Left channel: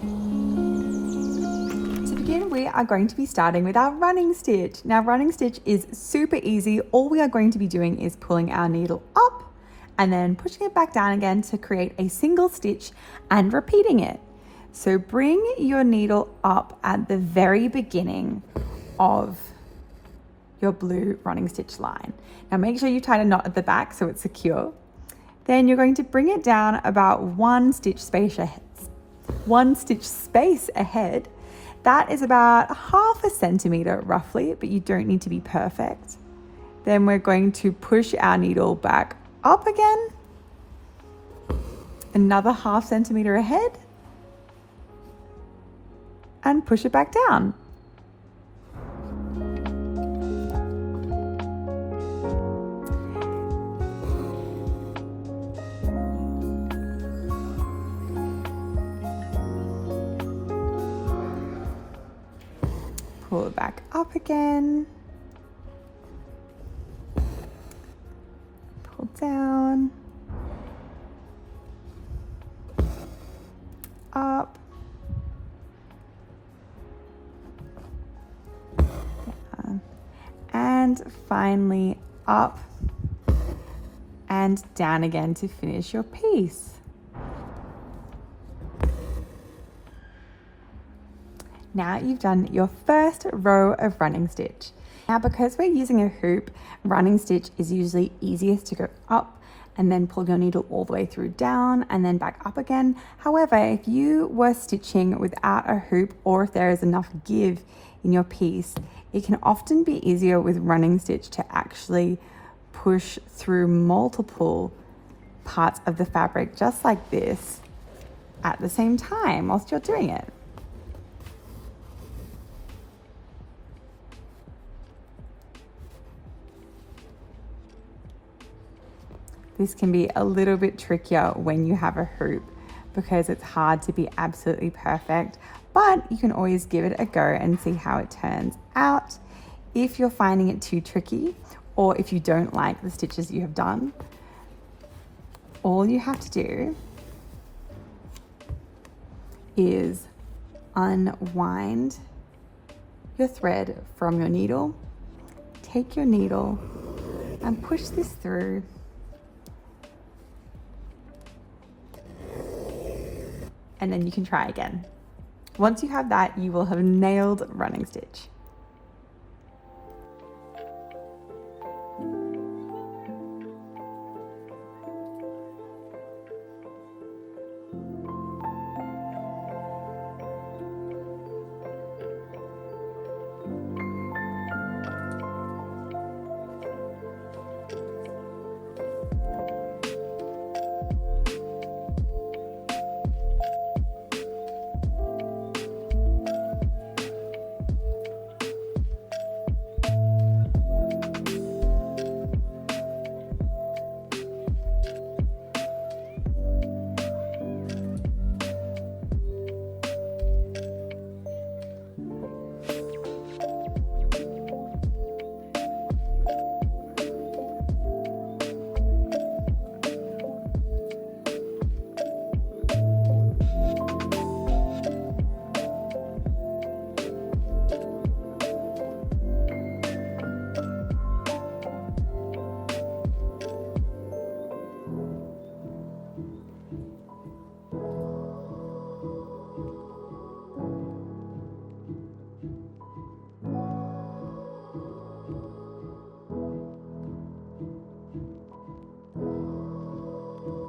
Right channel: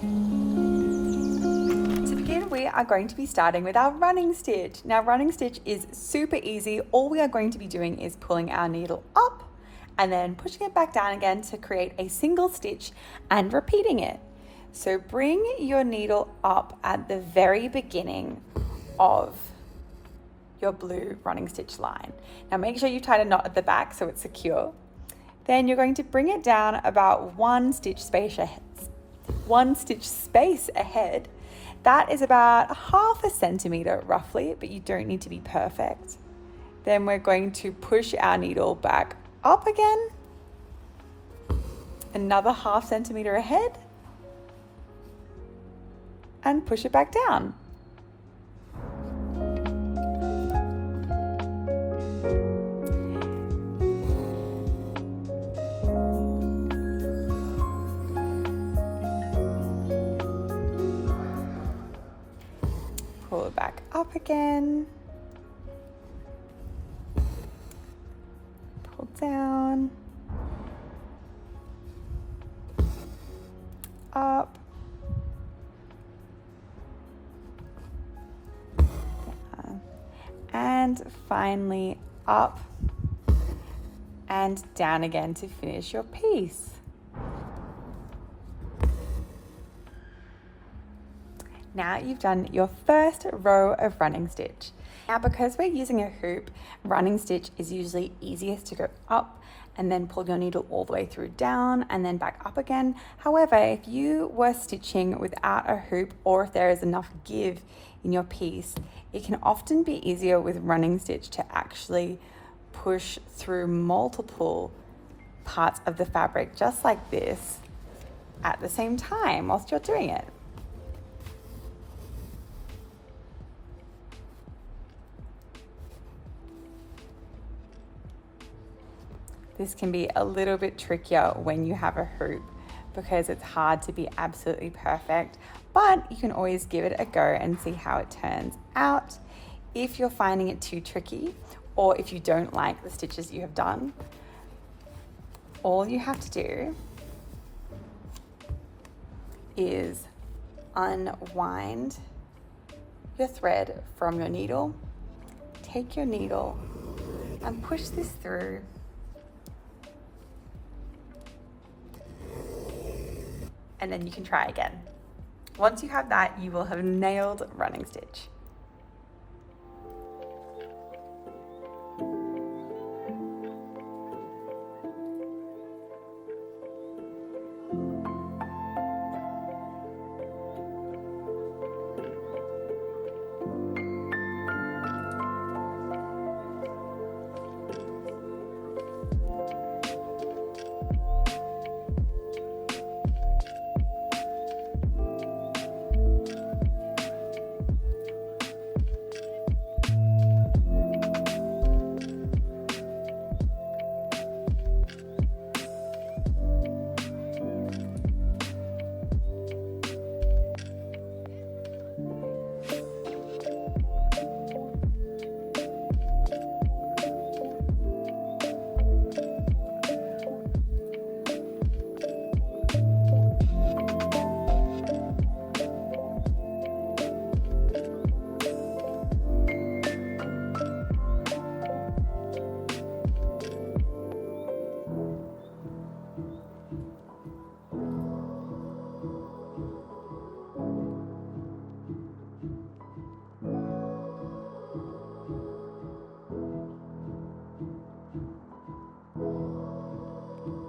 To begin, we are going to be starting with our running stitch. Now, running stitch is super easy. All we are going to be doing is pulling our needle up and then pushing it back down again to create a single stitch and repeating it. So bring your needle up at the very beginning of your blue running stitch line. Now make sure you tie a knot at the back so it's secure. Then you're going to bring it down about one stitch space ahead. That is about 1/2 centimeter roughly, but you don't need to be perfect. Then we're going to push our needle back up again, another 1/2 centimeter ahead, and push it back down. Pull it back up again, pull down, up, and finally up and down again to finish your piece. Now you've done your first row of running stitch. Now, because we're using a hoop, running stitch is usually easiest to go up and then pull your needle all the way through down and then back up again. However, if you were stitching without a hoop, or if there is enough give in your piece, it can often be easier with running stitch to actually push through multiple parts of the fabric just like this at the same time whilst you're doing it. This can be a little bit trickier when you have a hoop because it's hard to be absolutely perfect, but you can always give it a go and see how it turns out. If you're finding it too tricky, or if you don't like the stitches you have done, all you have to do is unwind your thread from your needle, take your needle and push this through. And then you can try again. Once you have that, you will have nailed running stitch.